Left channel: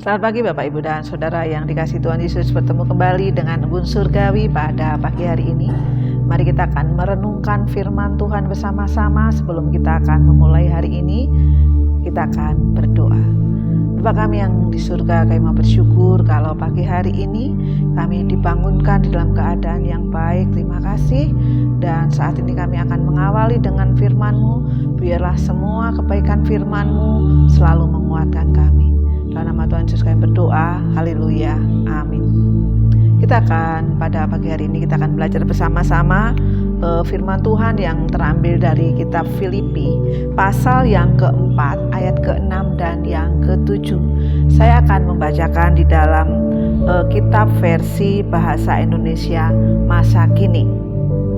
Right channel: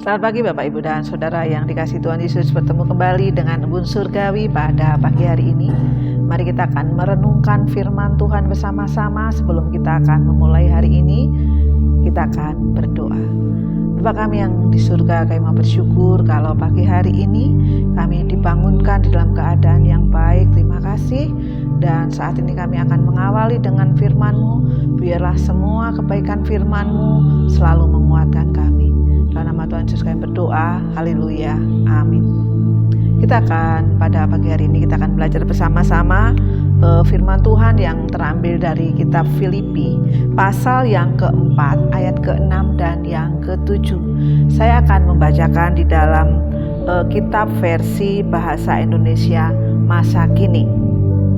Selamat pagi Bapak, Ibu, dan Saudara yang dikasihi Tuhan Yesus. Bertemu kembali dengan Embun Surgawi pada pagi hari ini. Mari kita akan merenungkan firman Tuhan bersama-sama. Sebelum kita akan memulai hari ini, kita akan berdoa. Bapa kami yang di surga, kami mau bersyukur kalau pagi hari ini kami dibangunkan di dalam keadaan yang baik. Terima kasih. Dan saat ini kami akan mengawali dengan firman-Mu. Biarlah semua kebaikan firman-Mu selalu menguatkan kami. Dalam nama Tuhan Yesus kami berdoa, haleluya, amin. Kita akan pada pagi hari ini kita akan belajar bersama-sama firman Tuhan yang terambil dari kitab Filipi pasal yang keempat ayat ke-6 dan yang ke-7. Saya akan membacakan di dalam kitab versi bahasa Indonesia masa kini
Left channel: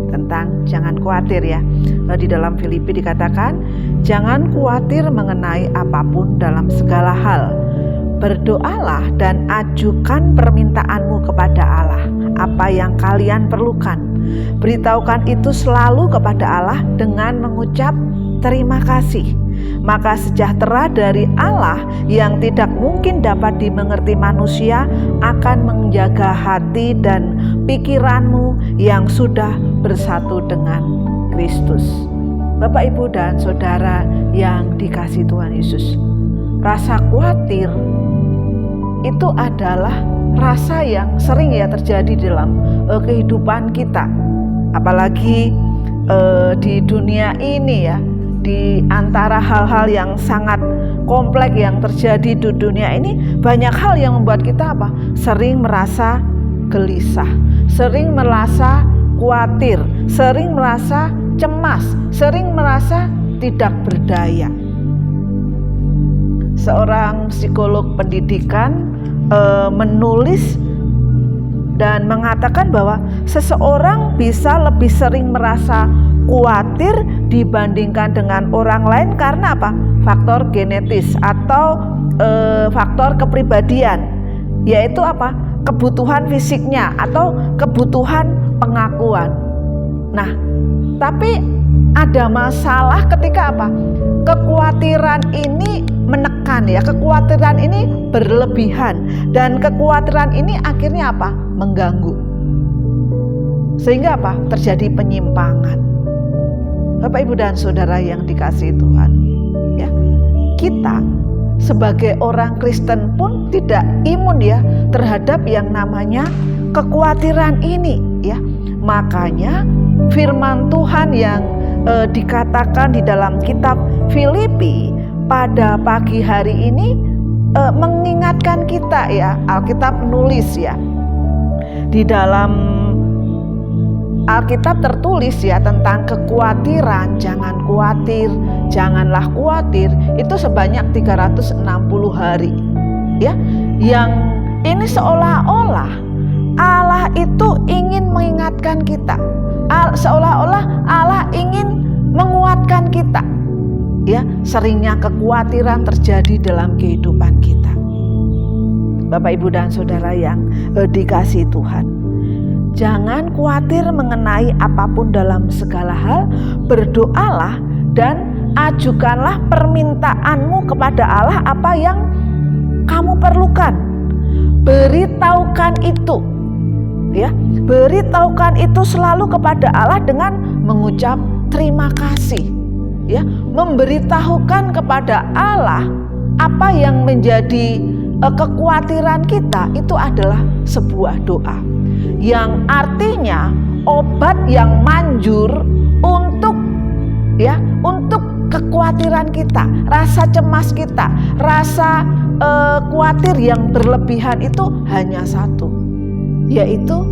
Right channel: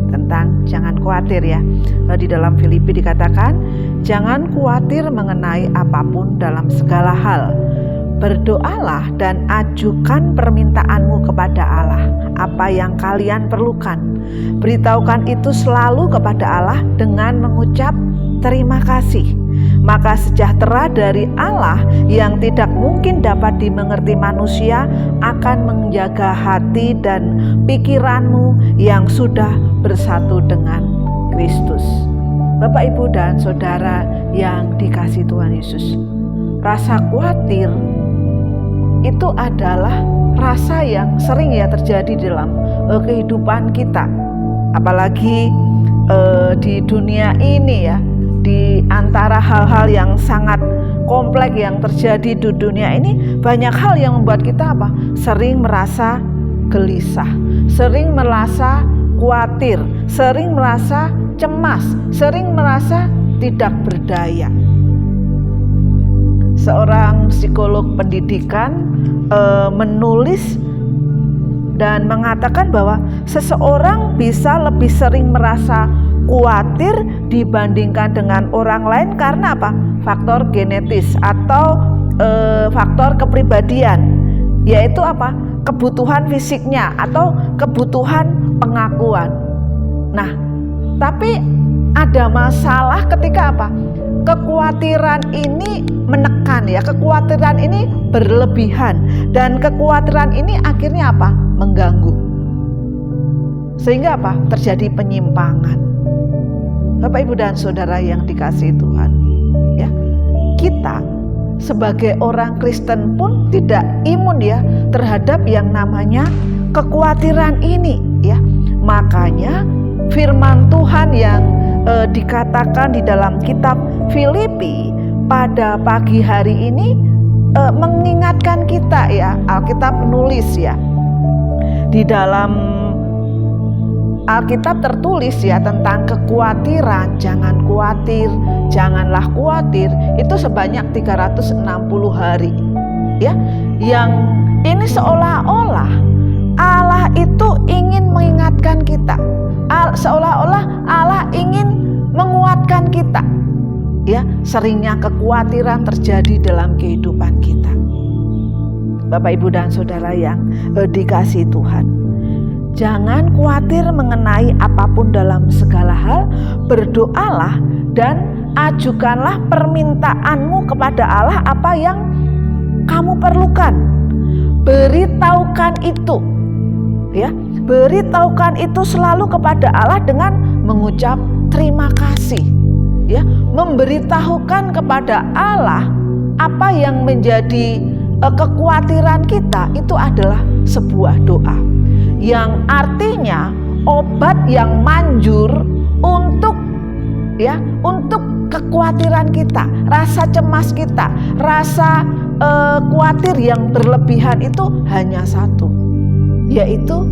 tentang jangan khawatir ya. Di dalam Filipi dikatakan, jangan khawatir mengenai apapun dalam segala hal. Berdoalah dan ajukan permintaanmu kepada Allah, apa yang kalian perlukan. Beritahukan itu selalu kepada Allah dengan mengucap terima kasih. Maka sejahtera dari Allah yang tidak mungkin dapat dimengerti manusia akan menjaga hati dan pikiranmu yang sudah bersatu dengan Kristus. Bapak, Ibu, dan Saudara yang dikasihi Tuhan Yesus, rasa khawatir itu adalah rasa yang sering ya terjadi dalam kehidupan kita. Apalagi di dunia ini ya, di antara hal-hal yang sangat kompleks yang terjadi di dunia ini, banyak hal yang membuat kita sering merasa gelisah, sering merasa khawatir, sering merasa cemas, sering merasa tidak berdaya. Seorang psikolog pendidikan menulis dan mengatakan bahwa seseorang bisa lebih sering merasa khawatir dibandingkan dengan orang lain karena faktor genetis atau faktor kepribadian, yaitu kebutuhan fisiknya atau kebutuhan pengakuan. Nah, tapi ada masalah ketika kekhawatiran ini menekan ya, kekhawatiran ini berlebihan dan kekhawatiran ini akhirnya mengganggu. Sehingga terjadi penyimpangan. Bapak, Ibu, dan Saudara yang dikasihi Tuhan, ya. Kita sebagai orang Kristen pun tidak imun ya terhadap yang namanya kekhawatiran ini ya. Makanya firman Tuhan yang dikatakan di dalam kitab Filipi pada pagi hari ini mengingatkan kita ya. Alkitab menulis ya, di dalam Alkitab tertulis ya tentang kekhawatiran. Jangan khawatir, janganlah khawatir, itu sebanyak 360 hari ya. Yang ini seolah-olah Allah itu ingin mengingatkan kita, seolah-olah Allah ingin menguatkan kita ya. Seringnya kekhawatiran terjadi dalam kehidupan kita. Bapak, Ibu, dan Saudara yang dikasihi Tuhan, jangan khawatir mengenai apapun dalam segala hal. Berdoalah dan ajukanlah permintaanmu kepada Allah, apa yang kamu perlukan. Beritahukan itu ya, beritahukan itu selalu kepada Allah dengan mengucap terima kasih ya. Memberitahukan kepada Allah apa yang menjadi kekhawatiran kita itu adalah sebuah doa yang artinya obat yang manjur untuk kekhawatiran kita, rasa cemas kita, rasa khawatir yang berlebihan itu hanya satu, yaitu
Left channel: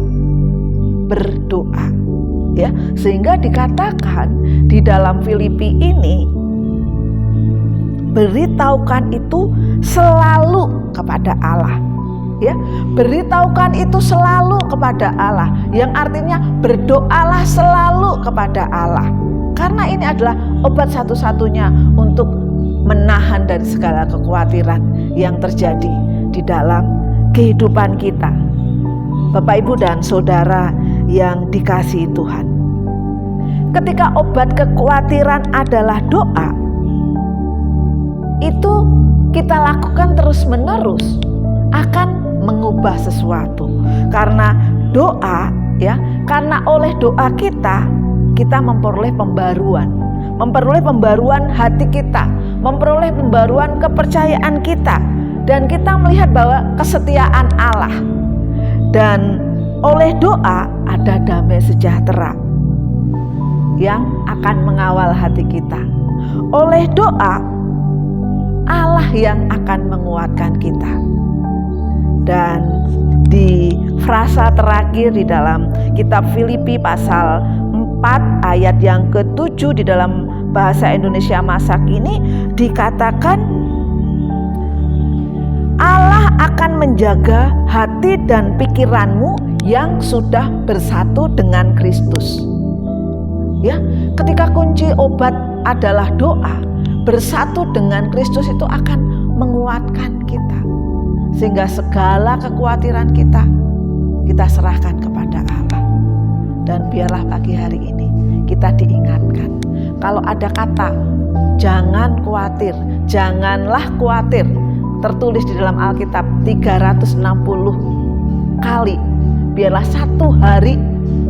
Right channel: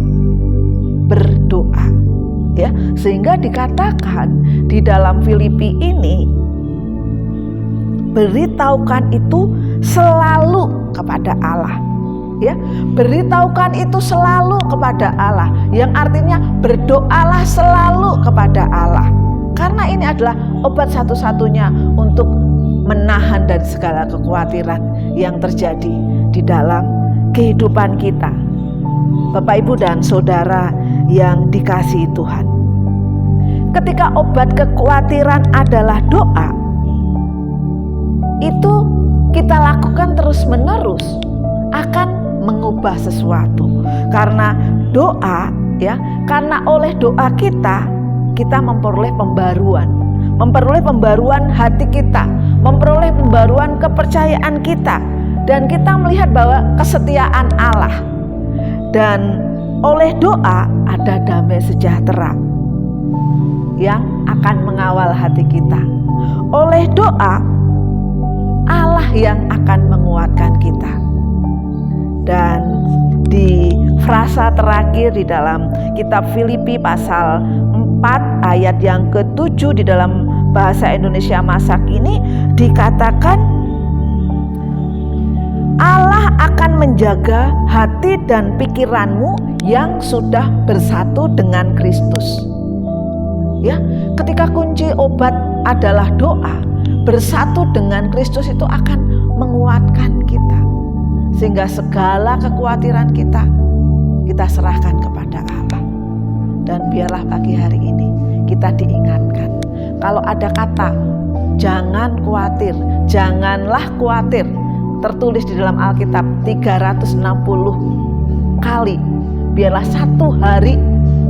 berdoa ya. Sehingga dikatakan di dalam Filipi ini, beritahukan itu selalu kepada Allah ya. Beritahukan itu selalu kepada Allah, yang artinya berdoalah selalu kepada Allah, karena ini adalah obat satu-satunya untuk menahan dari segala kekhawatiran yang terjadi di dalam kehidupan kita. Bapak, Ibu, dan Saudara yang dikasihi Tuhan, ketika obat kekhawatiran adalah doa, itu kita lakukan terus-menerus akan mengubah sesuatu. Karena doa, ya, karena oleh doa kita memperoleh pembaruan hati kita, memperoleh pembaruan kepercayaan kita, dan kita melihat bahwa kesetiaan Allah. Dan oleh doa ada damai sejahtera yang akan mengawal hati kita. Oleh doa Allah yang akan menguatkan kita. Dan di frasa terakhir di dalam kitab Filipi pasal 4 ayat yang ke-7 di dalam bahasa Indonesia masa kini dikatakan, Allah akan menjaga hati dan pikiranmu yang sudah bersatu dengan Kristus. Ya, ketika kunci obat adalah doa, bersatu dengan Kristus itu akan menguatkan kita. Sehingga segala kekhawatiran kita serahkan kepada Allah. Dan biarlah pagi hari ini kita diingatkan, kalau ada kata jangan khawatir, janganlah khawatir, tertulis di dalam Alkitab 360 kali. Biarlah satu hari,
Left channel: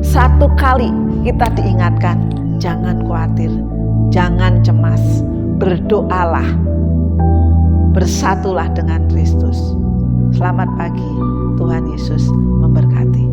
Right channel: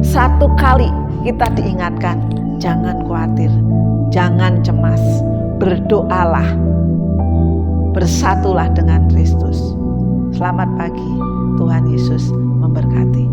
satu kali kita diingatkan, jangan khawatir, jangan cemas, berdoalah, bersatulah dengan Kristus. Selamat pagi, Tuhan Yesus memberkati.